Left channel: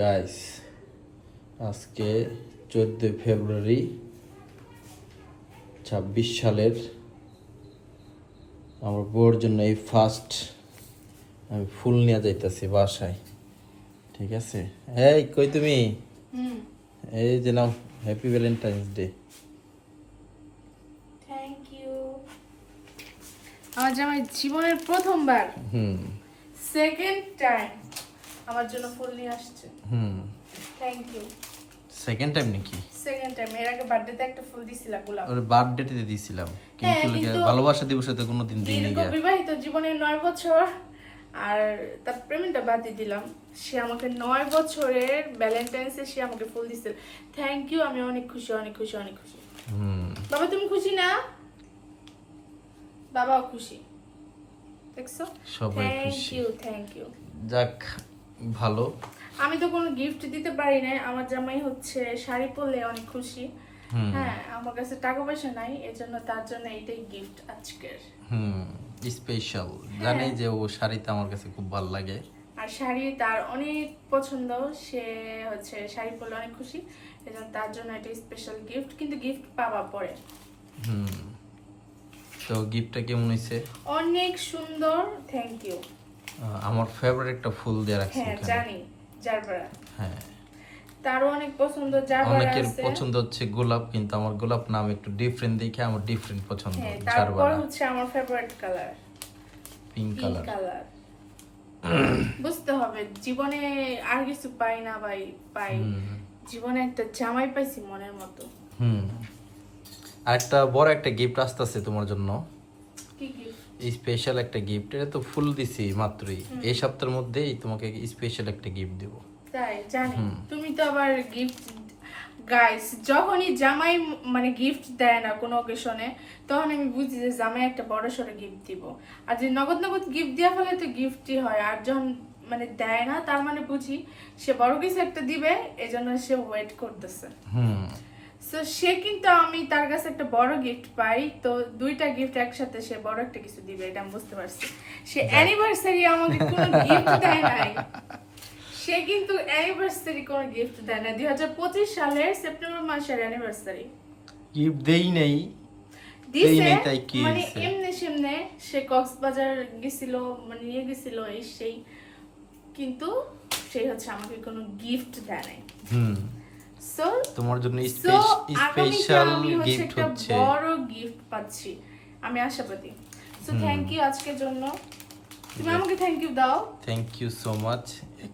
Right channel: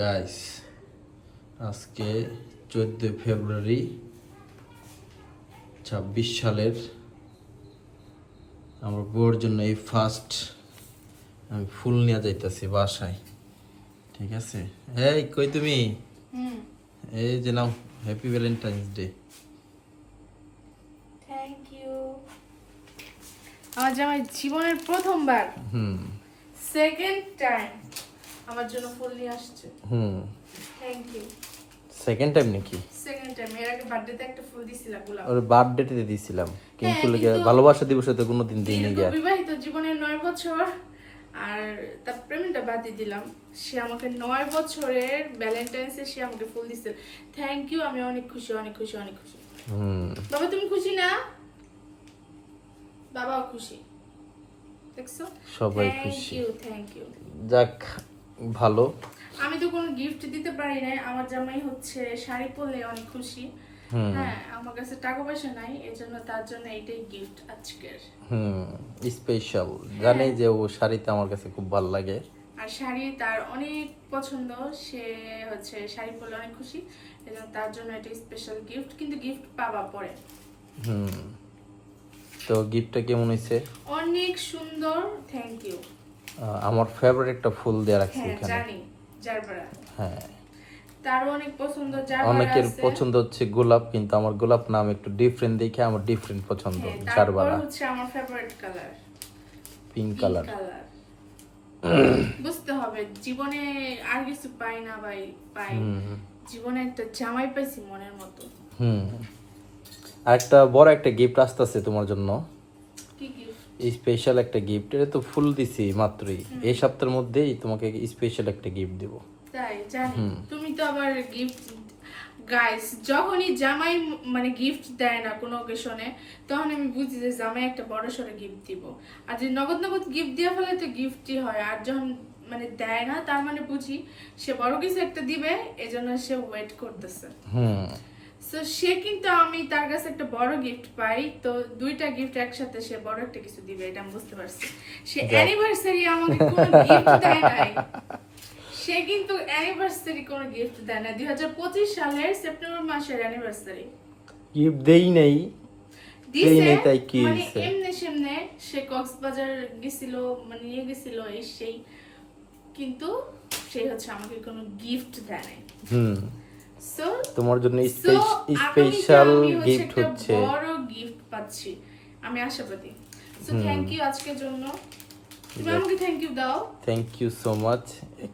Guys আজকে 14 ফেব্রুয়ারি 26 সালের আমার বউর জন্য এই ফার্স্ট আমি ফুল নিয়ে যাইতেছি বাসায়। ঠিক আছে, এই কই তুমি? এই যে নাও, happy Valentine's day. Thank you. আমার জামাই জীবনের প্রথমবার সেকেন্ড টাইম আমার জন্য ফুল নিয়ে আসছে। Thank you. সেকেন্ড টাইম নাকি? Second time. এর আগে বার্থডেতে একটা ফুল দিছিলা গোলাপ। ওর বার্থডেতে দিয়েছিলাম, কিন্তু কিন্তু ভালোবাসা দিবসে তো কোনোদিন দিইনি। দীর্ঘ বিবাহিত জীবনের 9 বছর আর তার প্রেমটা বাদ দিয়ে দিলাম। সে আমাকে 9 বছরের ভ্যালেন্টাইন্সে সে আমাকে ফুল দিছিল। Thank you. আমি অনেক খুশি, অনেক খুশি, অনেক খুশি। বাবা তুমি খুশি না? বাবাও খুশি, দেখছো? সবাই থ্যাংক খুশি। You, thank you. যাক ভালো। আমি তো কোনো গিফট দিতে পারি না। আমার জামাই হচ্ছে শাড়ি পরলে অনেক খুশি। হ্যাঁ, আমার কাছে টাকা পয়সা নাই, এজন্য তার জন্য এইটাই গিফট আজকের। স্পেশাল। জানি যে ও শাড়িতে আমার কাছে খুব ভালো লাগে, আর শাড়ি তার অনেক পছন্দ। সে হচ্ছে শাড়ি পরলে অনেক খুশি, এজন্য তার জন্য এটা স্পেশাল গিফট। কিন্তু গিফট পাওয়া পরে। তো গিফটটা কেমন হয়েছে? অনেক সুন্দর, থ্যাংক ইউ। আমার ফেভারিট একটা ফুল দেয়া রাখছি হ্যাঁ এখানে। জানি, জারবারা। হ্যাঁ, তারও অনেক পছন্দ, জারবারা অনেকের আছে। পছন্দ হচ্ছে গোলাপ, কিন্তু আমার গোলাপ নাম একটু ডিফারেন্ট দেখে আমার ডিফারেন্ট পছন্দ। হ্যাঁ, তারপর জারবারা হচ্ছে আমার favourite colour pink pink colour. Colour. বুঝতে হবে জীবনে আর কিছু পাই না ভাই, পাই জীবনে একটা জামাই পাইছি মনের মতো। আর একটা বড় একটা গিফট আসতেছে তোমার জন্য, কি গিফট? স্পেশাল একটা গিফট। এটা তো ফুল দিছি মাত্রই, এই সপ্তাহের মধ্যেই তোমাকে স্পেশাল একটা গিফট দেব। তাই জানি। তুমি তো আবার গিফট, গাইস যখনই জামাই মানে গিফট দেয় না কোনো অকেশনে, তখন আমি বুঝি যে জামাই একটা বড় সড়ো গিফট দিব। আর যে নগদ নগদ গিফট দেওয়া ফলে তো গিফটই হয়, আর যখন মানে দেয় না তার মানে বুঝি সে বড় কিছু একটা দিবে, এজন্য সে ওয়েট করতেছে। সো সে কিন্তু আমি তার কাছে একটা বড় গিফট পাই, তো দুইটা গিফট একসাথে সে বড় একটা কিছু দিবে, এটা আমি বুঝতে পারছি। সে অ্যানিভার্সারি আমাকে কোনো গিফট দেয় নাই। সে কিন্তু অ্যানিভার্সারি কোনো গিফট দেয় না। 2025 সালের সেপ্টেম্বর মাসের অ্যানিভার্সারি গিফট দেই নাই দিছে, তাই কি মানে হইছে? এমনি সেমনে সে কক্সবাজার গেছিল, মানে নিয়ে গেছিল এই সেই, কিন্তু সে হচ্ছে আমাকে কোনো গিফট দেয় নাই। সো তোমার জন্য আগামীতে স্পেশাল আমি হচ্ছে গিফট একটা হচ্ছে। বড় গিফট পাচ্ছি, আমি আশাবাদী। সো থ্যাংক ইউ আজকের জন্য। তুমি আমাকে থ্যাংক ইউ দাও। Thank you so much.